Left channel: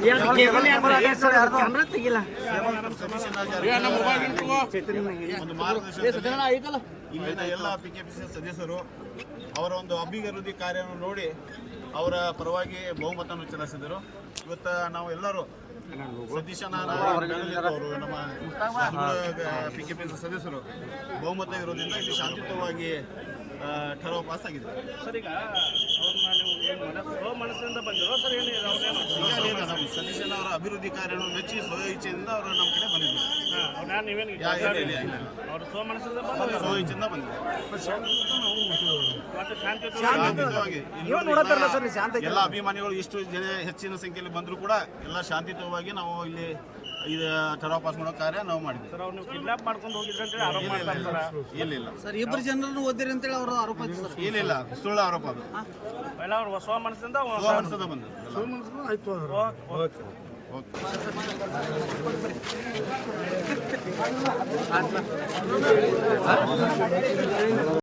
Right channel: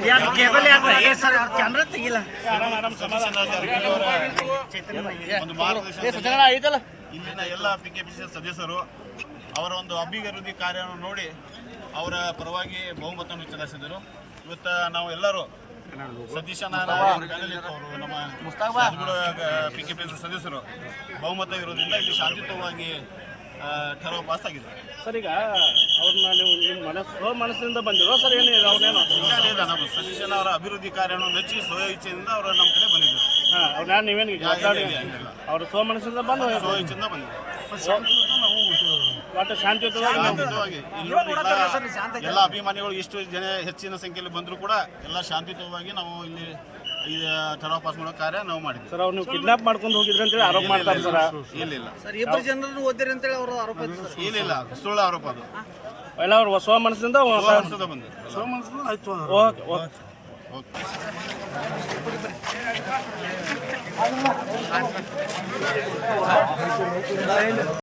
Cable sir camera ತೆಗಿಲ್ಲ. ಒಂದು ಮಾರ್ಗದರ್ಶನ ಇಲ್ಲಿನ ಎಲ್ಲ PKPC ಸದಸ್ಯರು ಅವರ ಒಂದು ಅಭಿವೃದ್ಧಿ ಕಾರ್ಯವನ್ನು ನೋಡಿ ಅವರ ಪರವಾಗಿ ಬಹುಮತವನ್ನು ಚಲಾಯಿಸಿದರು. ಇವತ್ತು ನಾವು ಎಲ್ಲರೂ ಸತೀಶ ಅವರು ನಮ್ಮ PKPC ಸದಸ್ಯರು ಬಹುಮತ ಇರೋದ್ರಿಂದ ಇಲ್ಲಿ ಶಾಂತಿಯುತವಾಗಿ ಠರಾವು ಪಾಸ್ ಆಗಿದೆ. ಸರ್ ಈಗ ಅವ್ರನ್ನ ನೀವು ನಿಮ್ಮ ಮನಸ್ಸಿಂದ ಬಂದಿರೋ ಸರ್ ಏನಿಲ್ಲ ನಮ್ಮ ಸತೀಶನ ಅವರ ಅಭಿವೃದ್ಧಿ ಕಾರ್ಯವನ್ನು ಮೆಚ್ಚಿ ಸ್ವಇಚ್ಛೆಯಿಂದ ಅವರು ನಮ್ಮ ಕಡೆ ಬಂದಿದ್ದರು. ಅವ್ರು ನೀವೇನು ಅವರು ಸ್ವಮನಸ್ಸಿಂದ ಬಂದು ಸ್ವಇಚ್ಛೆಯಿಂದ ಬಂದಿದ್ದರು. ಒಟ್ಟು ಶಾಂತಿಯುತವಾಗಿ ಎಲ್ಲ ಅಭಿಮಾನಿಗಳು ಇಷ್ಟು ಜನ ಹೆಚ್ಚಿನ ಸಂಖ್ಯೆಯಲ್ಲಿ ಬಂದರೂ ಕೂಡ ಎಲ್ಲ ಶಾಂತಿಯುತವಾಗಿ ನಾವು ಇಲ್ಲಿ ಠರಾವು ಪಾಸ್ ಮಾಡೋ ಕಾರ್ಯ ನಾವು ಮಾಡಿದ್ವಿ. ಸರ್ ಅವ್ರು ನೀವು ಕಿಡ್ನಾಪ್ ಮಾಡ್ಕೊಂಡು ಹೋಗಿದ್ರಿ ಅಂತ ಆರೋಪ ಮಾಡ್ತಾರೆ ಇಲ್ಲ ಸರ್ ಇಬ್ಬರು ಜನರನ್ನು ಓದಿರಿ ಅಂತೇಳಿ ಅವರು ಆರೋಪ ಇಲ್ಲ ಸುಳ್ಳು ಆರೋಪ ಅದು. ಎಲ್ಲ ಅವ್ರು ಸ್ವಮನಸ್ಸಿಂದ ಬಂದರು. ಆಯ್ತು. ಓಕೆ